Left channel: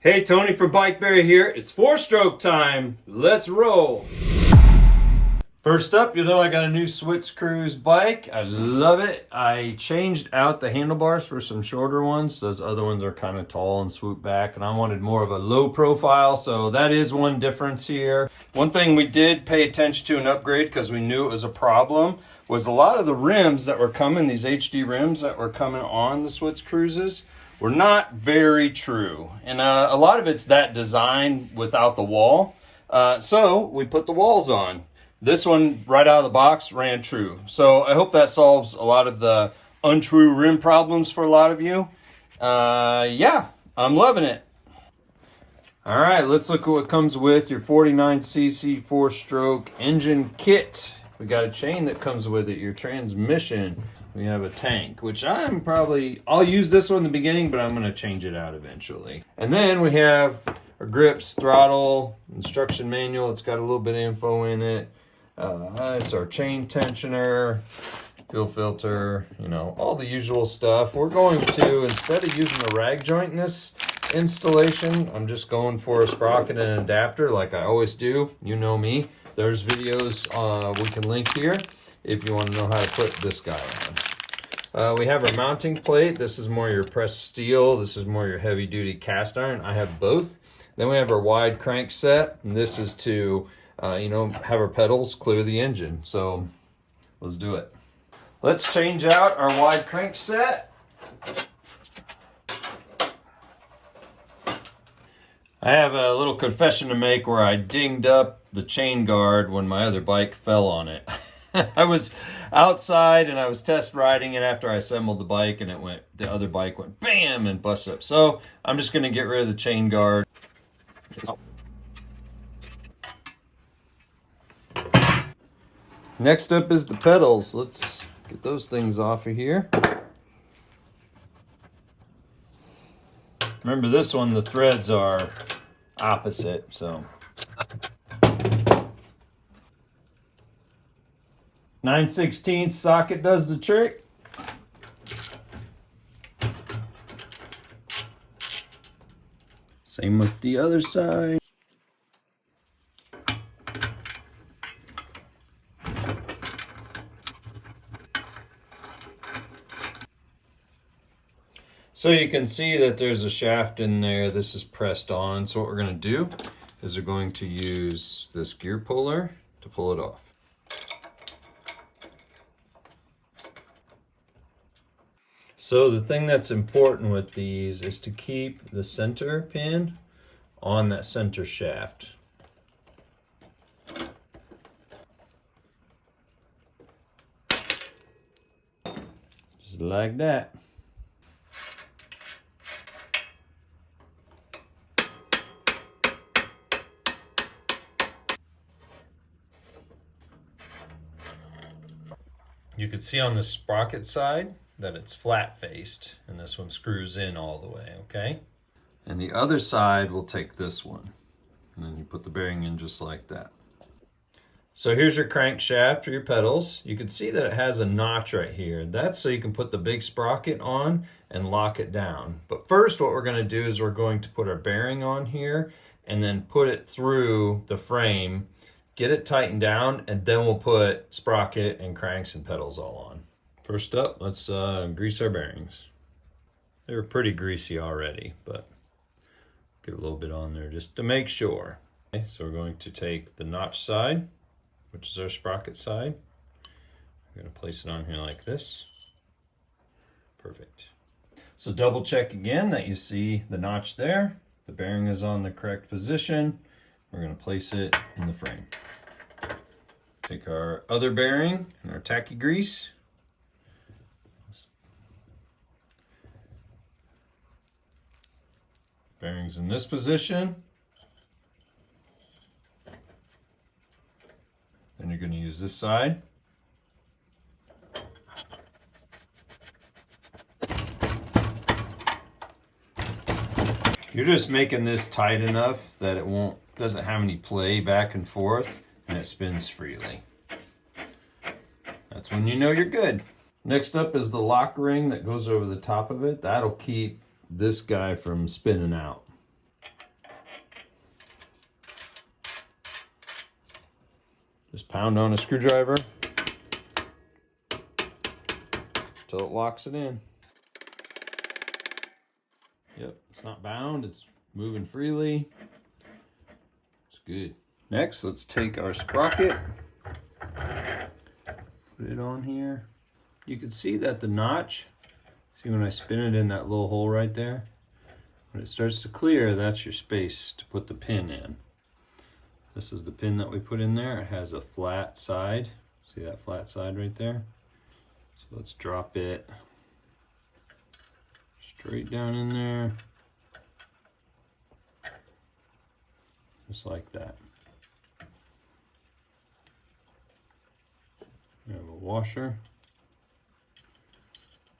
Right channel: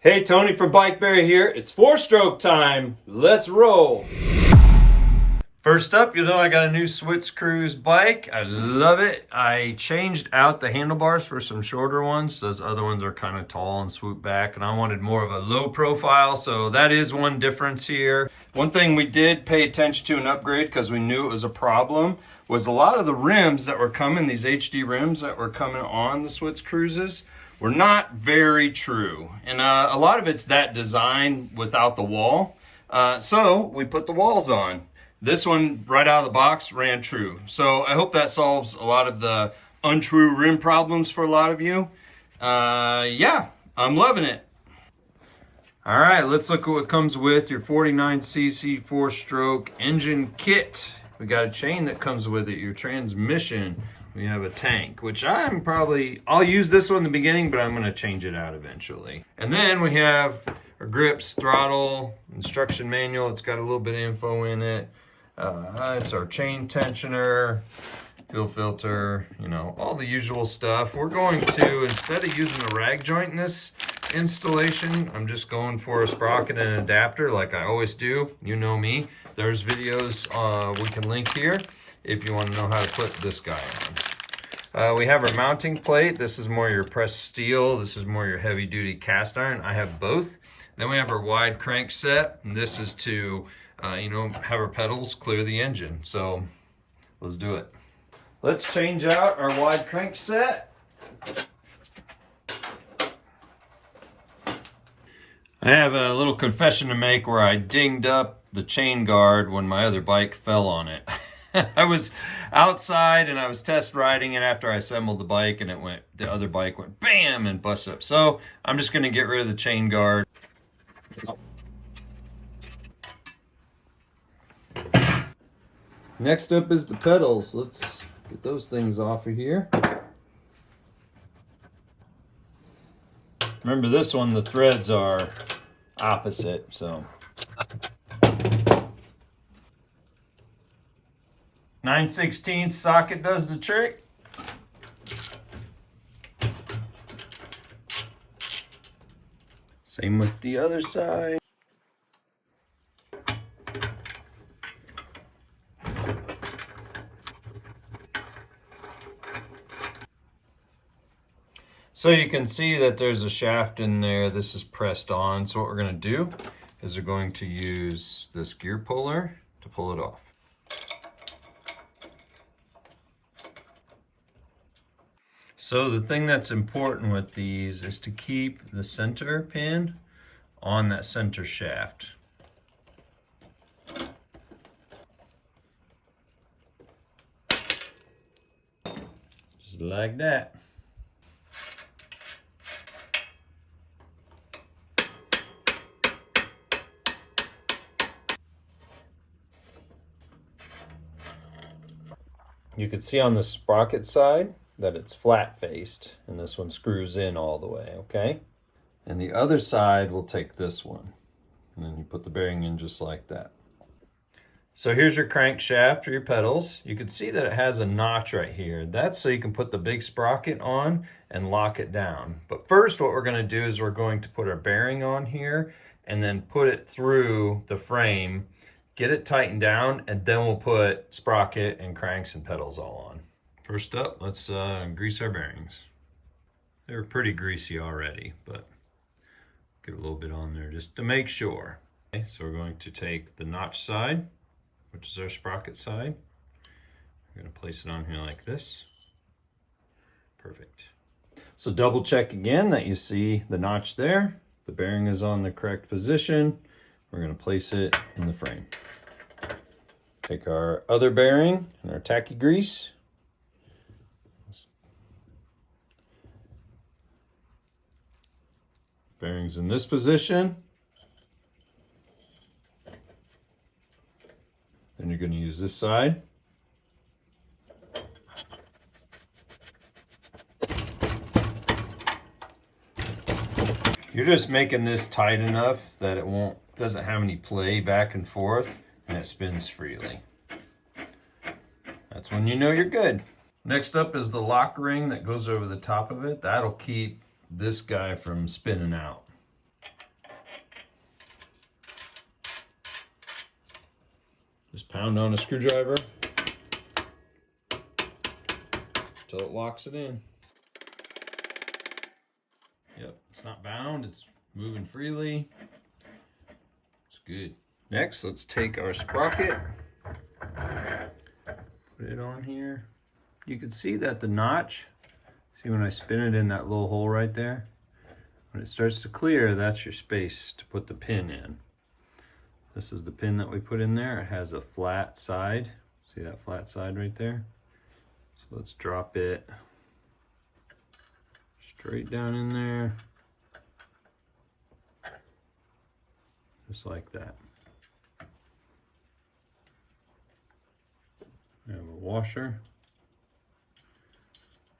Hey, Tony from BikeBerry here. It's 4-stroke time. Let's roll. First up, you know I got a new Switz Cruze bike. I love it. I changed out the handlebars for some shorter ones. Those other ones are kind of tall and swoop back, and I wanted more of a low profile, so that is one difference here. One thing we did pay attention to and upgrade because we knew it was a problem was a lot of the rims that were coming, these HD rims that were coming on the Switz Cruzes, were not very true. And a lot of it's that design without the wall. So we put the walls on. This one right out of the box ran true. So I hope that solves a lot of the untrue rim problems for a lot of you. Yeah, I'm loving it. All right, let's look at what comes with your 49cc 4-stroke engine kit. We got a chain that comes with it, your transmission. We have a tank, which I'll use this one in the beginning, but I'm gonna change it out eventually. And then we have our grips, throttle, instruction manual. It's got a little bit of info in it. It's our chain tensioner, fuel filter, you know, all the usual stuff. We're going to, instead of using a rag joint in this installation, I'm just going for a sprocket and an adapter like I always do. You know me. There's videos we can link here if you want to know how to put this guy on. We have our mounting plate. This is more your pressed steel. This is more your heavy duty cast iron. I have both. Then we have our wide crankset, and this is to, have our pedals clear the engine. So let's do it. Let's change out our wide crankset. I have a little confession to make where I dinged up the chain guard when my other bike fell on it. I was outside and I was test riding it after I assembled the bike, and the other bike went bam and busted up. So I'm just gonna get rid of the chain guard. Next up is the pedals. Let's get those things off of here. Remember this one, the threads are opposite, so. 9/16 socket does the trick. Same with the other side. So you can see that there's a shaft in there. This is pressed on. So what we're going to do is we're going to use this gear puller to pull it off. So the thing that's important with these is to keep the center pin on that center shaft. Just like that. You can see on the sprocket side that it's flat faced, and this one screws in all the way, okay? And the other side will take this one, and then you put the bearing in just like that. So here's your crankshaft for your pedals. You can see that it has a notch right here. That's so you can put the big sprocket on and lock it down. But first what we're gonna do is we're going to put our bearing on here and then put it through the frame, get it tightened down, and then we'll put sprocket and cranks and pedals all on. First up, let's grease our bearings. They're pretty greasy already, but get a little bit on there just to make sure. Okay, so we're going to take the notch side, which is our sprocket side. We're going to place it on here like this. Perfect. So double check again that you see the notch there. The bearing is on the correct position. We're going to place it in the frame. Take our other bearing and our tacky grease. Bearings in this position. Then you're going to use this side. You're just making this tight enough that it doesn't have any play back and forth, and it spins freely. That's when you know you're good. Next up is the lock ring that goes over the top of it. That'll keep this guy from spinning out. Just pound on a screwdriver until it locks it in. Yep, it's not bound, it's moving freely. It's good. Next, let's take our sprocket, put it on here. You can see that the notch, see when I spin it in that little hole right there? When it starts to clear, that's your space to put the pin in. This is the pin that we put in there. It has a flat side. See that flat side right there? So let's drop it straight down in there. Just like that. We have a washer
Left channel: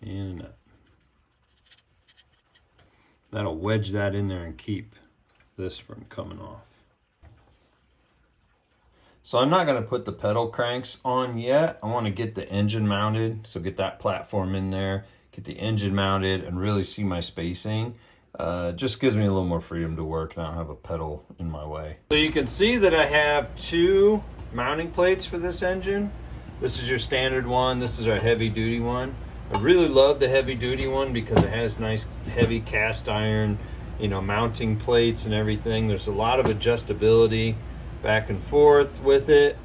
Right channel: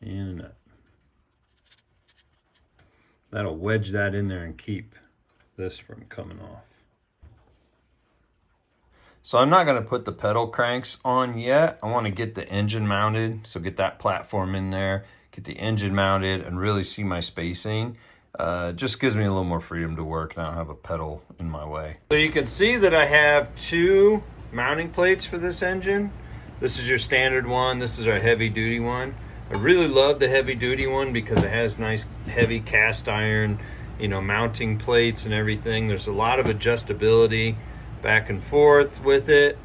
and a nut. That'll wedge that in there and keep this from coming off. So I'm not going to put the pedal cranks on yet. I want to get the engine mounted. So get that platform in there, get the engine mounted, and really see my spacing. Just gives me a little more freedom to work and I don't have a pedal in my way. So you can see that I have two mounting plates for this engine. This is your standard one. This is our heavy duty one. I really love the heavy duty one because it has nice heavy cast iron, you know, mounting plates and everything. There's a lot of adjustability back and forth with it,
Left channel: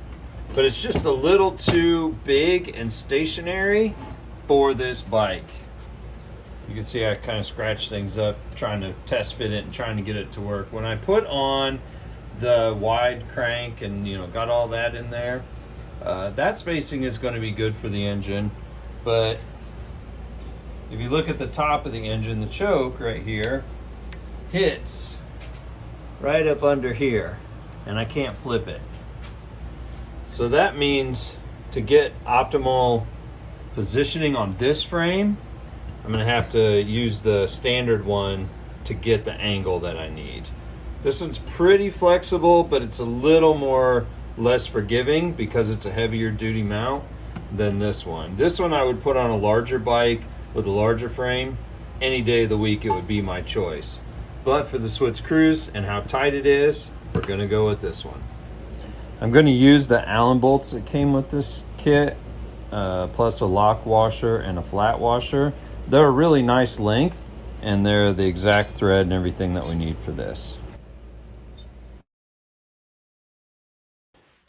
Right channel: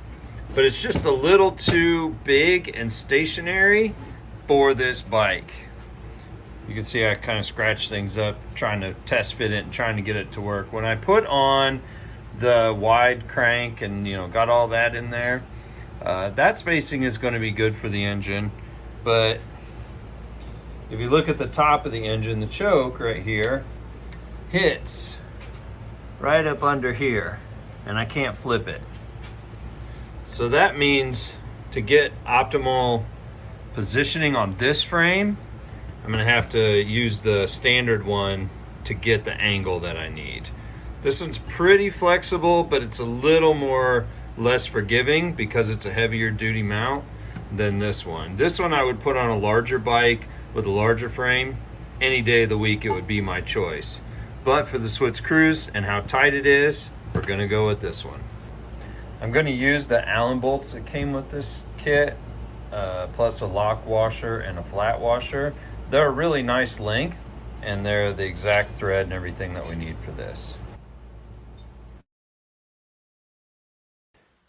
but it's just a little too big and stationary for this bike. You can see I kind of scratch things up trying to test fit it and trying to get it to work. When I put on the wide crank and, you know, got all that in there, that spacing is going to be good for the engine. But if you look at the top of the engine, the choke right here hits right up under here and I can't flip it. So that means to get optimal positioning on this frame, I'm gonna have to use the standard one to get the angle that I need. This one's pretty flexible, but it's a little more less forgiving because it's a heavier duty mount than this one. This one I would put on a larger bike with a larger frame. Any day of the week it would be my choice. But for the Switz Cruze and how tight it is, we're gonna go with this one. I'm gonna use the Allen bolts that came with this kit, plus a lock washer and a flat washer. They're a really nice length and they're the exact thread and everything that we need for this.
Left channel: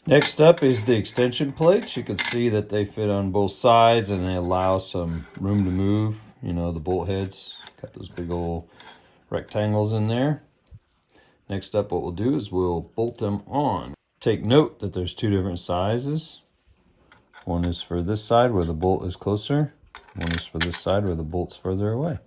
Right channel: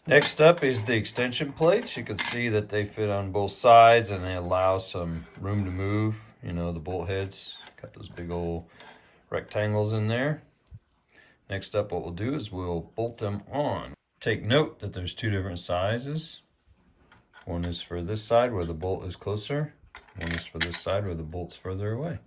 Next up is the extension plates. You can see that they fit on both sides and they allow some room to move. You know, the bolt heads, got those big old rectangles in there. Next up, what we'll do is we'll bolt them on. Take note that there's two different sizes. One is for this side where the bolt is closer. One is for this side where the bolt's further away.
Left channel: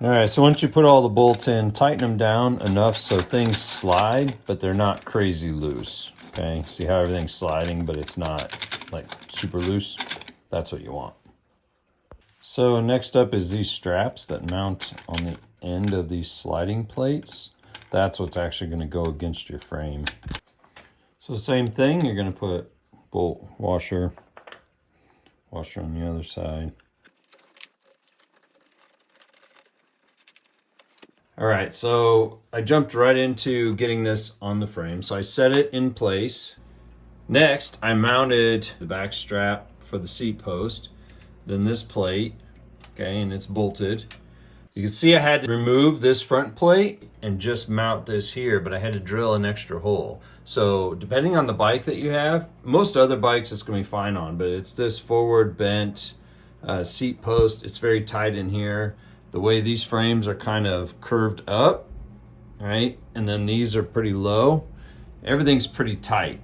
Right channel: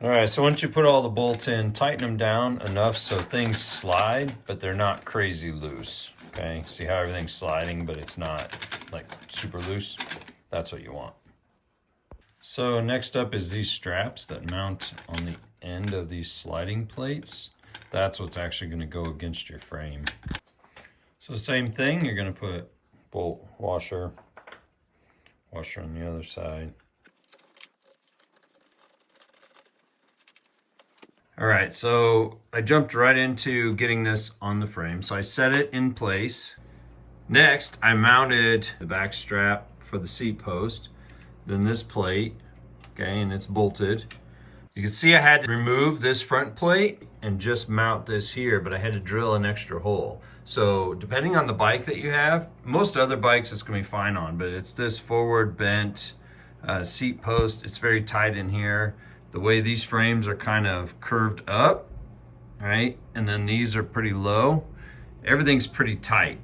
All right, so once you put all the bolts in, tighten them down enough so things slide, but they're not crazy loose, okay? See how everything's sliding, but it's not like super loose? That's what you want. So next up is these straps that mount on the end of these sliding plates. That's what's actually gonna go against your frame. So same thing, you're gonna put bolt washer, washer on the other side. All right, so I jumped right into getting this on the frame. So I set it in place. Next, I mounted the back strap for the seat post, then this plate, okay, and it's bolted. You can see I had to remove this front plate and just mount this here, but I had to drill an extra hole. So depending on the bike that you have, most other bikes it's gonna be fine on, but it's this forward bent seat post. It's very tight in here. The way these frames are kind of curved up, right? And then these are pretty low. Everything's pretty tight.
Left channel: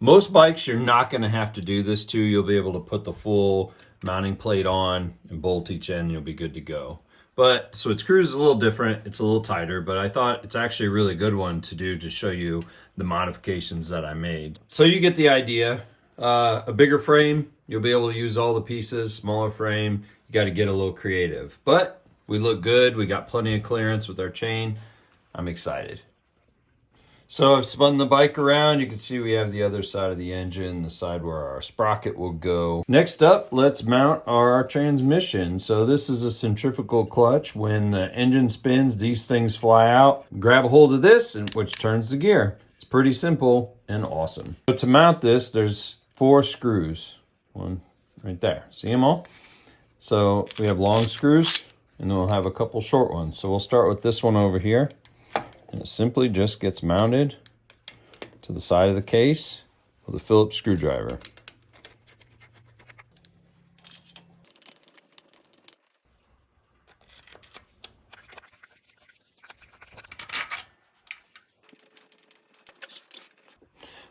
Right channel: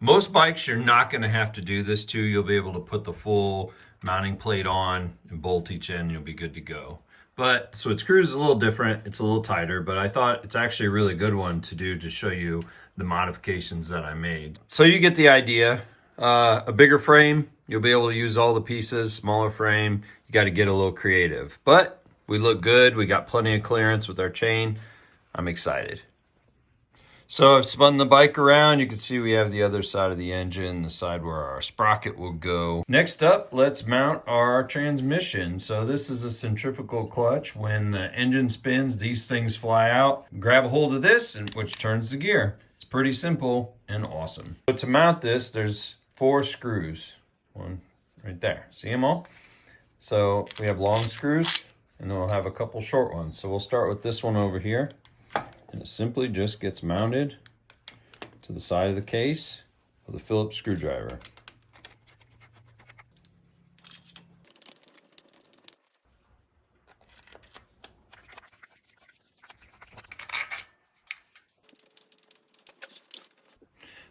Most bikes you're not gonna have to do this to. You'll be able to put the full mounting plate on and bolt each end, you'll be good to go. But Switz Cruze is a little different. It's a little tighter, but I thought it's actually a really good one to do to show you the modifications that I made. So you get the idea. A bigger frame, you'll be able to use all the pieces. Smaller frame, you got to get a little creative. But we look good. We got plenty of clearance with our chain. I'm excited. So I've spun the bike around. You can see we have the other side of the engine, the side where our sprocket will go. Next up, let's mount our transmission. So this is a centrifugal clutch. When the engine spins, these things fly out. Grab a hold of this, which turns the gear. It's pretty simple and awesome. So to mount this, there's 4 screws. One right there. See them all? So we have long screws, and then we'll have a couple short ones. So we'll start with this one over here. And it simply just gets mounted to the side of the case with a Phillips screwdriver.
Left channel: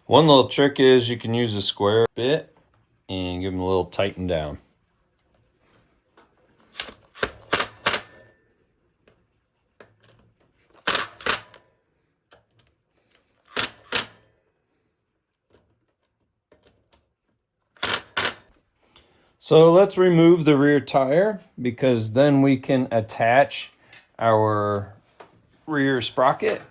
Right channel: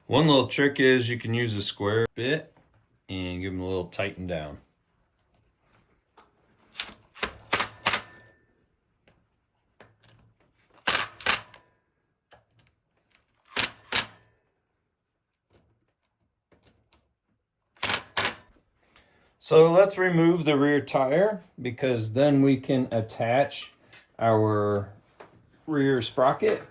One little trick is you can use a square bit and give them a little tighten down. So let's remove the rear tire, because then we can attach our rear sprocket.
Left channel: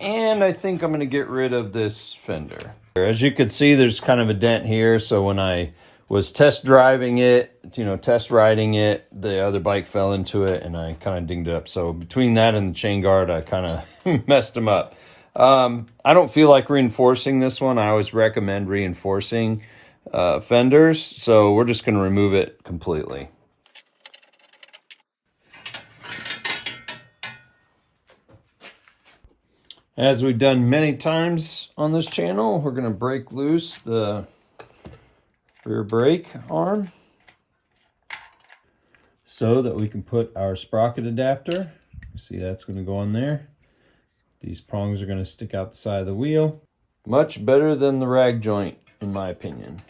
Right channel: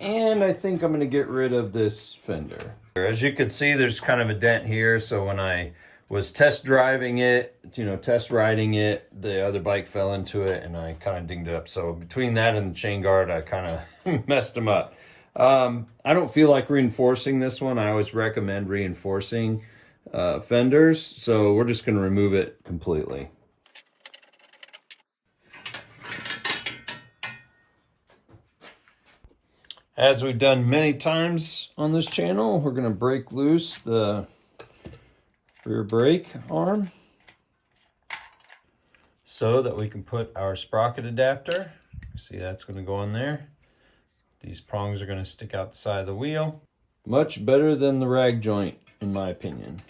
And I think I'm gonna get rid of this fender. As you can see, there's kind of a dent here. So when I was test driving it, test riding it, the other bike fell into it and I kind of dinged it up. So between that and the chain guard, I kind of messed them up. I don't feel like reinforcing this one. I always recommend reinforcing fenders, so we're just going to remove it completely. As we've done many times on this channel, we're going to break loose the rear brake arm so that we can put our sprocket adapter. See, that's going to go on there. These prongs are going to stick out the side of the wheel. Much better than the rag joint, in my opinion.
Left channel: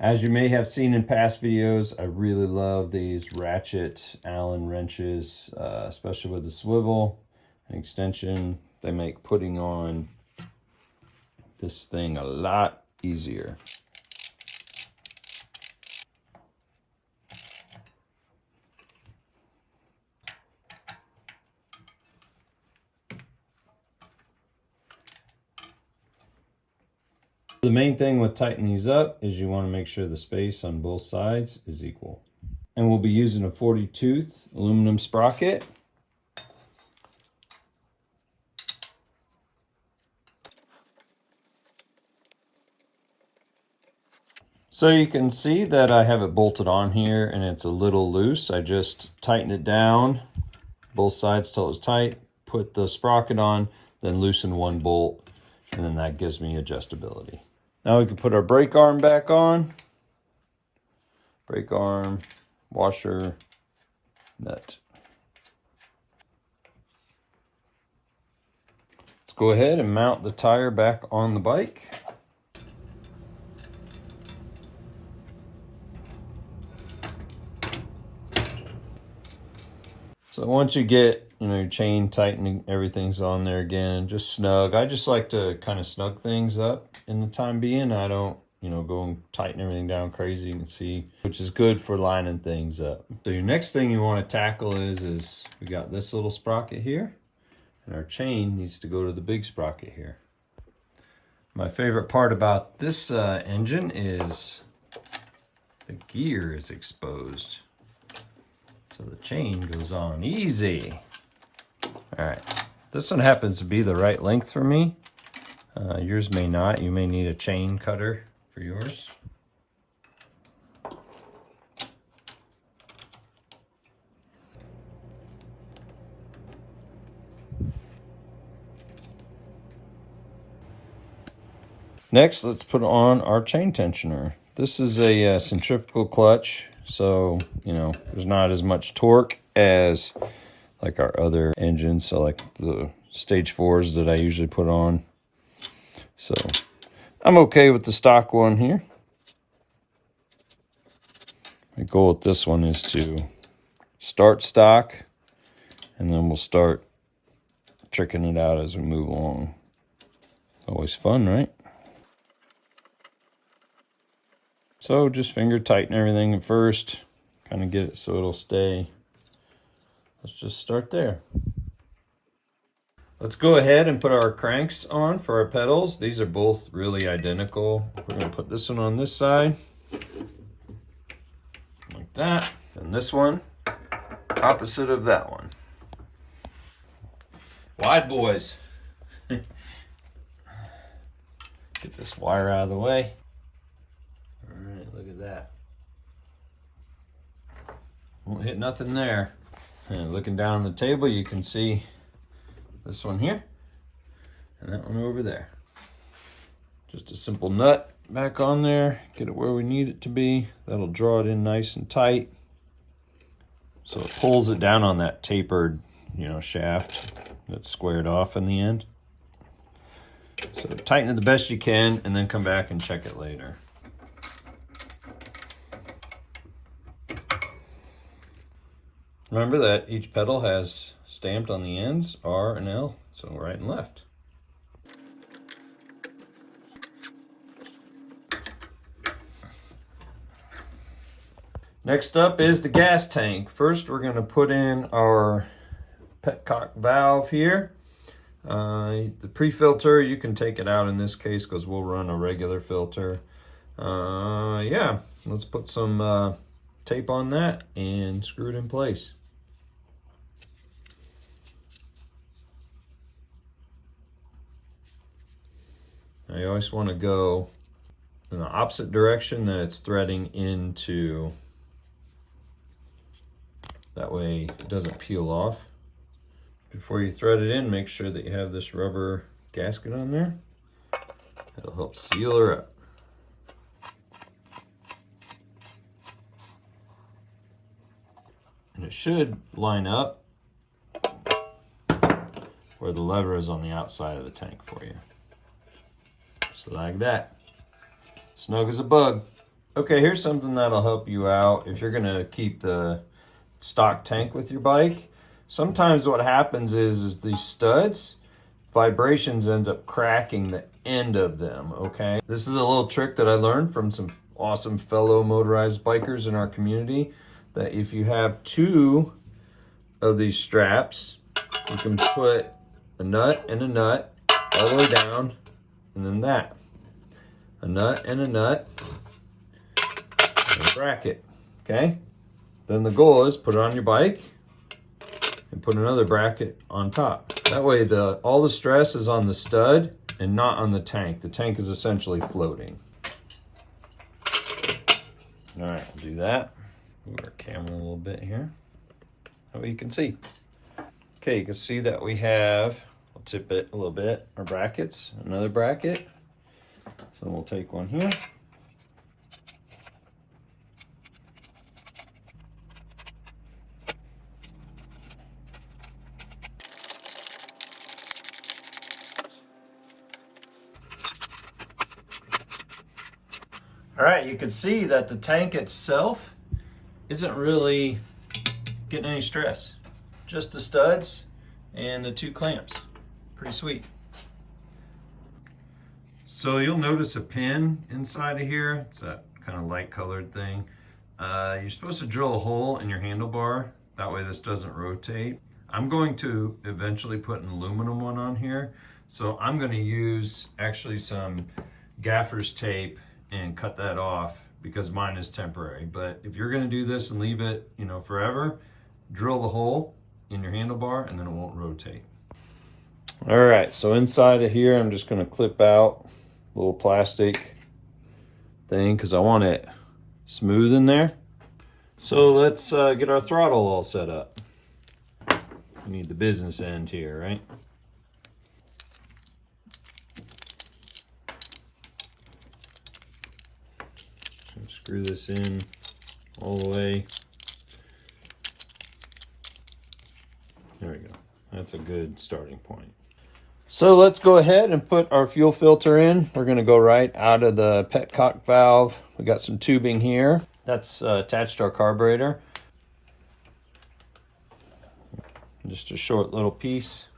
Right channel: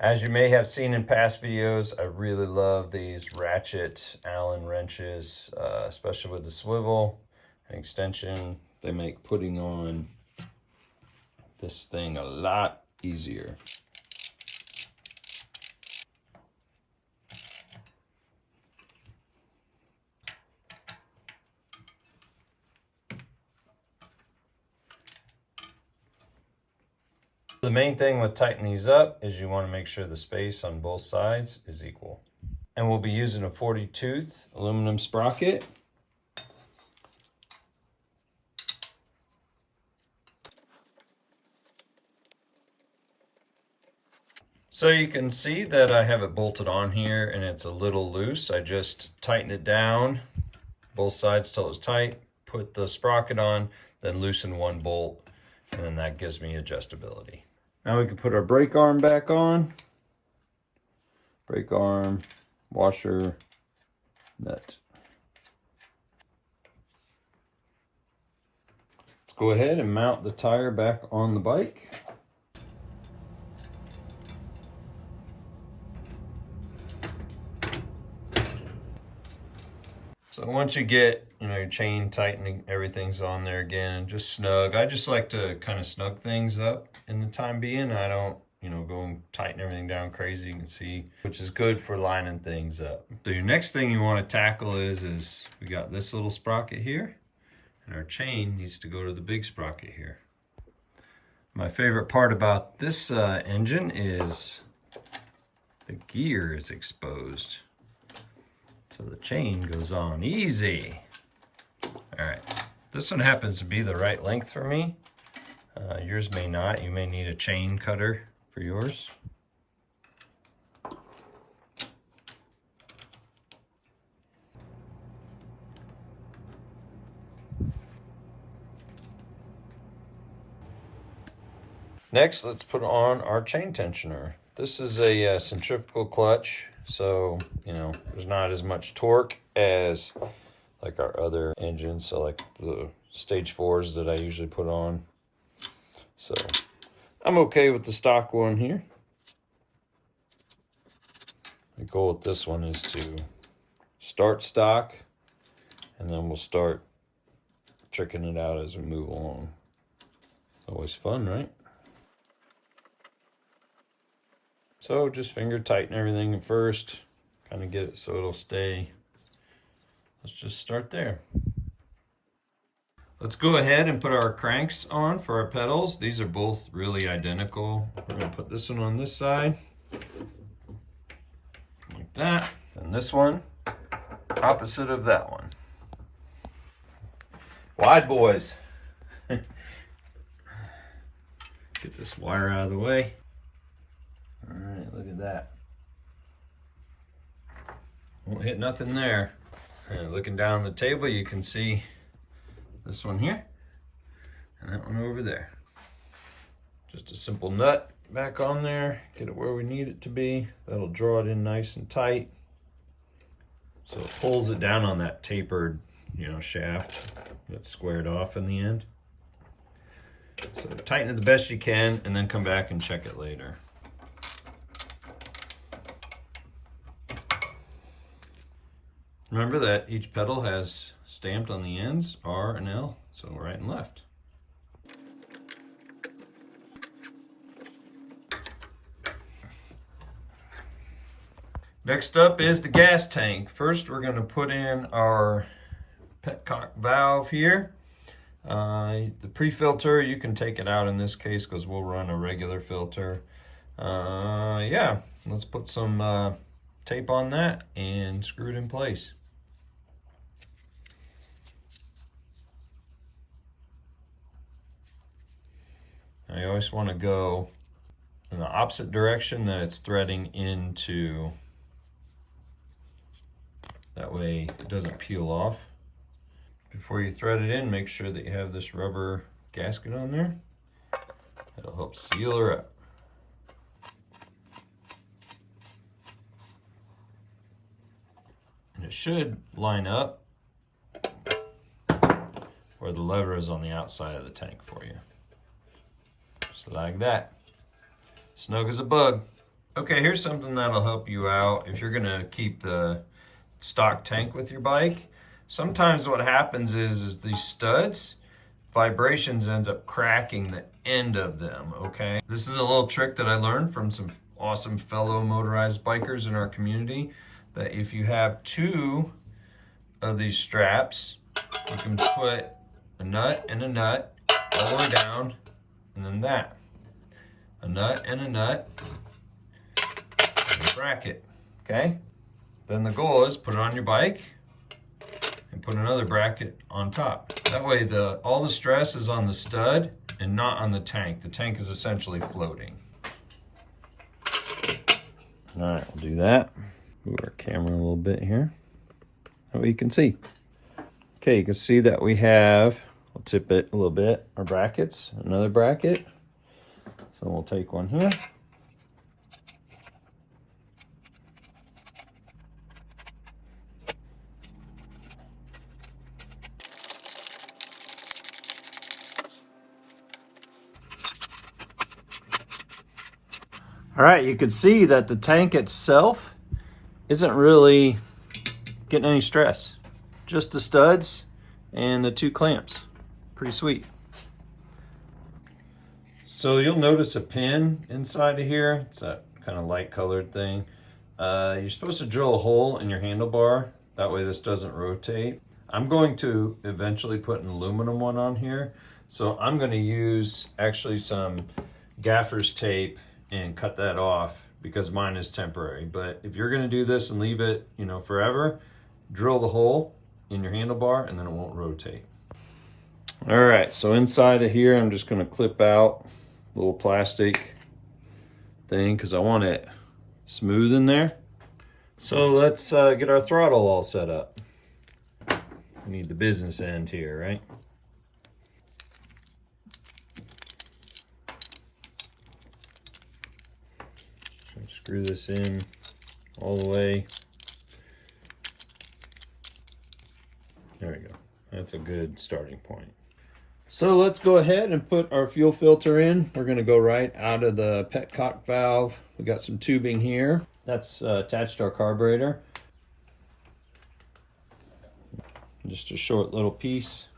As you may have seen in past videos, I really love these ratchet Allen wrenches, especially with the swivel and extension. They make putting on this thing a lot easier. The main thing with tightening these up is you want to make sure the space on both sides is equal. And we'll be using a 40-tooth aluminum sprocket. So you can see that I have it bolted on here and it's a little loose. I just tighten it down both sides till it's tight, put the sprocket on, then loosen one bolt, and then that gives me adjustability. Now we can put our brake arm back on. Brake arm, washer, nut. Let's go ahead and mount the tire back on the bike. So once you get, your chain tightening, everything's on there again, just snug. I just like to kind of snug things up in the time being. I don't, go and tighten everything down crazy, you can see, which is good for lining things up. So your next thing you want to tackle is we got this little sprocket here, and our chain needs to go to the big sprocket here. My favorite part about this engine is the gear is exposed. So the chain goes on easy. All right, this one happens to be the right length for me. Yours may not. You may need a chain cutter for yours. Next, let's put on our chain tensioner. This is a centrifugal clutch, so there's not as much torque as like our other engines, so like the stage 4s that I usually put on. So I'm okay with the stock one here. My goal with this one is to start stock, and then we'll start tricking it out as we move along. Always fun, right? So just finger tighten everything at first, kind of get it so it'll stay. Let's just start there. Let's go ahead and put our cranks on for our pedals. These are both really identical. We're gonna put this one on this side, like that. And this one, opposite of that one. Wide boys. Get this wire out of the way. All right, look at that. Won't hit nothing there. And looking down the table, you can see this one here and that one over there. Just a simple nut back on there, get it where we need it to be. That'll draw it in nice and tight. So it pulls it down on that tapered, shaft that's squared off in the end. So tighten it the best you can and then come back and check it later. Remember that each pedal has stamped on the ends, R and L, so right and left. Next up is the gas tank. First, we're going to put in our Petcock valve here. The pre-filter, you can take it out in this case because we'll run a regular filter. Yeah, let's put some tape on that and screw it in place. I always want to go in the opposite direction that it's threading into. That way it doesn't peel off. Before you thread it in, make sure that you have this rubber gasket on there. It'll help seal her up. And it should line up where the lever is on the outside of the tank for you. So like that. Snug as a bug. Okay, here's something that'll help you out if you're gonna keep the stock tank with your bike. Sometimes what happens is these studs, vibrations end up cracking the end of them, okay? This is a little trick that I learned from some awesome fellow motorized bikers in our community, that if you have two of these straps, you can put a nut and a nut all the way down, and then that. A nut and a nut, and a bracket, okay? Then the goal is put it on your bike and put another bracket on top. That way all the stress is on the stud and not on the tank. The tank is essentially floating. All right, we'll do that. Move our camera a little bit here. That way you can see. Okay, you can see that we have, we'll tip it a little bit, our brackets, another bracket. So we'll take one here. All right, you can see that the tank itself isn't really getting any stress. Just the studs and the two clamps. Pretty sweet. So you'll notice a pin inside of here. It's that kind of light colored thing. You're supposed to drill a hole in your handlebar. That way this doesn't rotate. I'm going to eventually put an aluminum one on here. So I'm going to use actually some gaffer's tape and cut that off because mine is temporary. But if you're going to do this and leave it, forever, drill the hole in your handlebar and then it won't rotate. All right, so inside of here, I'm just going to clip out a little plastic thing because I want it smooth in there. So let's get our throttle all set up. We need the business end here, right? Screw this in all the way. There we go. That's a good starting point. So let's go ahead and put our fuel filter in. We're going to go right out of the Petcock valve. We got some tubing here. That's attached to our carburetor. Just a short little piece.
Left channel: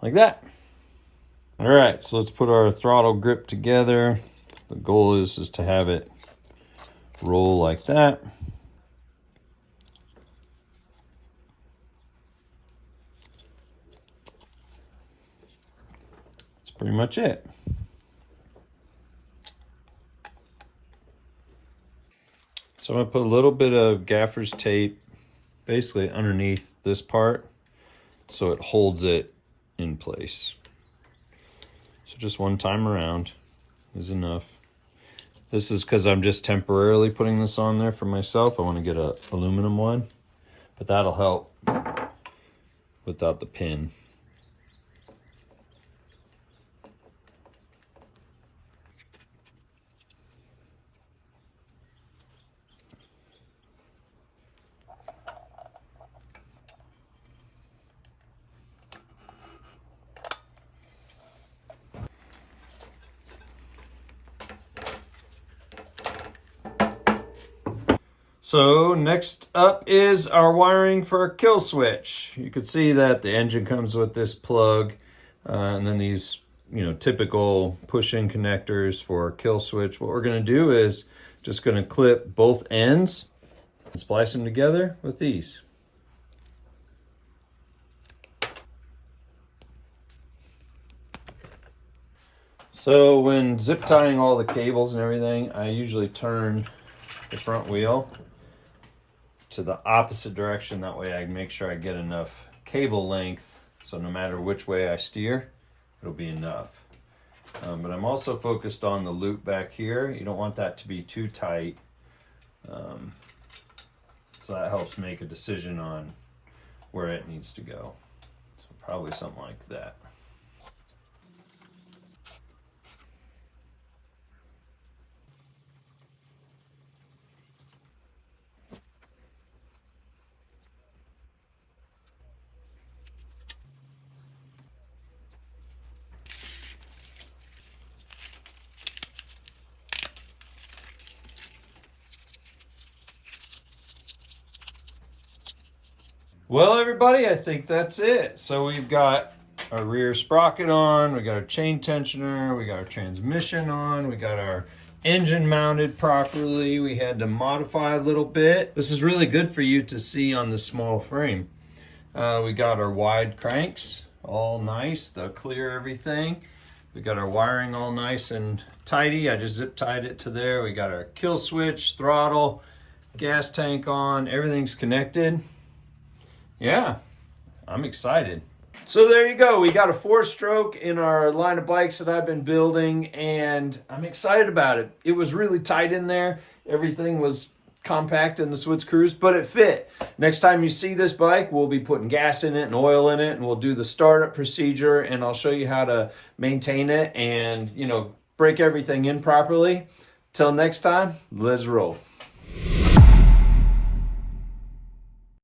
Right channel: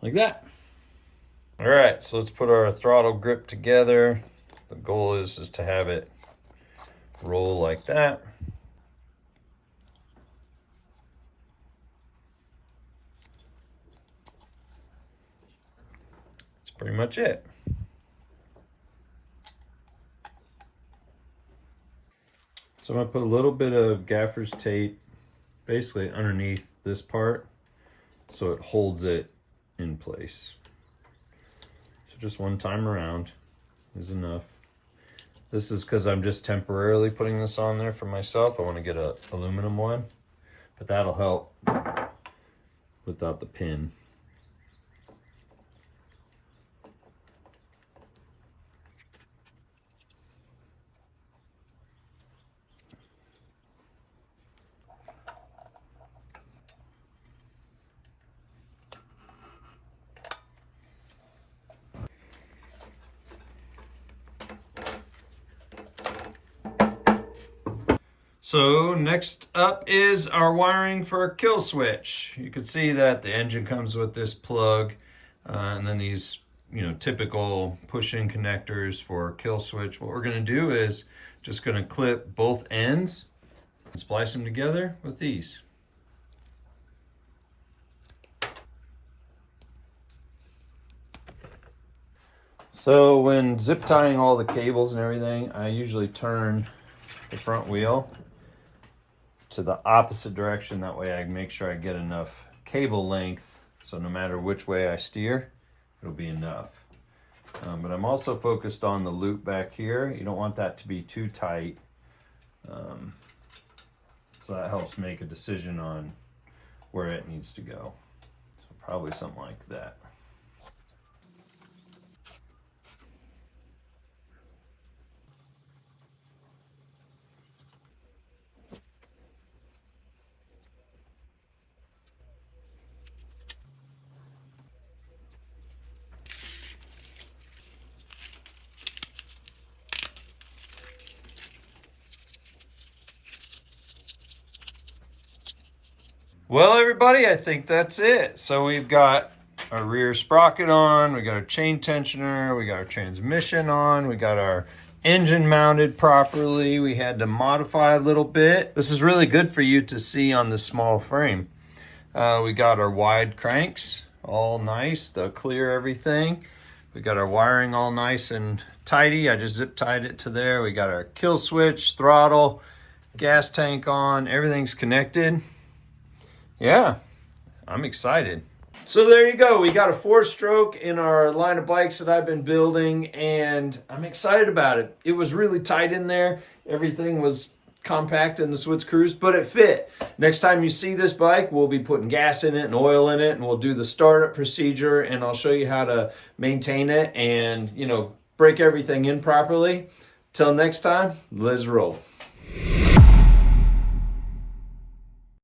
Like that. All right, so let's put our throttle grip together. The goal is to have it roll like that. That's pretty much it. So I'm gonna put a little bit of gaffer's tape basically underneath this part so it holds it in place. So just one time around is enough. This is because I'm just temporarily putting this on there for myself. I want to get an aluminum one, but that'll help without the pin. So next up is our wiring for our kill switch. You can see that the engine comes with this plug and then these, typical push-in connectors for kill switch. What we're going to do is just going to clip both ends and splice them together with these. So when zip tying all the cables and everything, I usually turn the front wheel to the opposite direction. That way I make sure I get enough cable length, so no matter which way I steer, it'll be enough. But I'm also focused on the loop back here. You don't want that to be too tight. So that helps make a decision on where it needs to go. So probably something like that. Well, everybody, I think that's it. So we've got our rear sprocket on, we got our chain tensioner, we got our transmission on, we got our engine mounted properly. We had to modify a little bit. This is really good for you to see on the small frame. We got our wide cranks, all nice, they'll clear everything. We got our wiring all nice and tidy. I just zip tied it to there. We got our kill switch, throttle, gas tank on, everything's connected. Yeah, I'm excited. So there you go. We got a 4-stroke in our line of bikes that I've been building, and I'm excited about it. It was really tight in there. Everything was compact in the Switz Cruze, but it fit. Next time you see this bike, we'll be putting gas in it and oil in it, and we'll do the startup procedure, and I'll show you how to maintain it and, break everything in properly. Till next time, let's roll.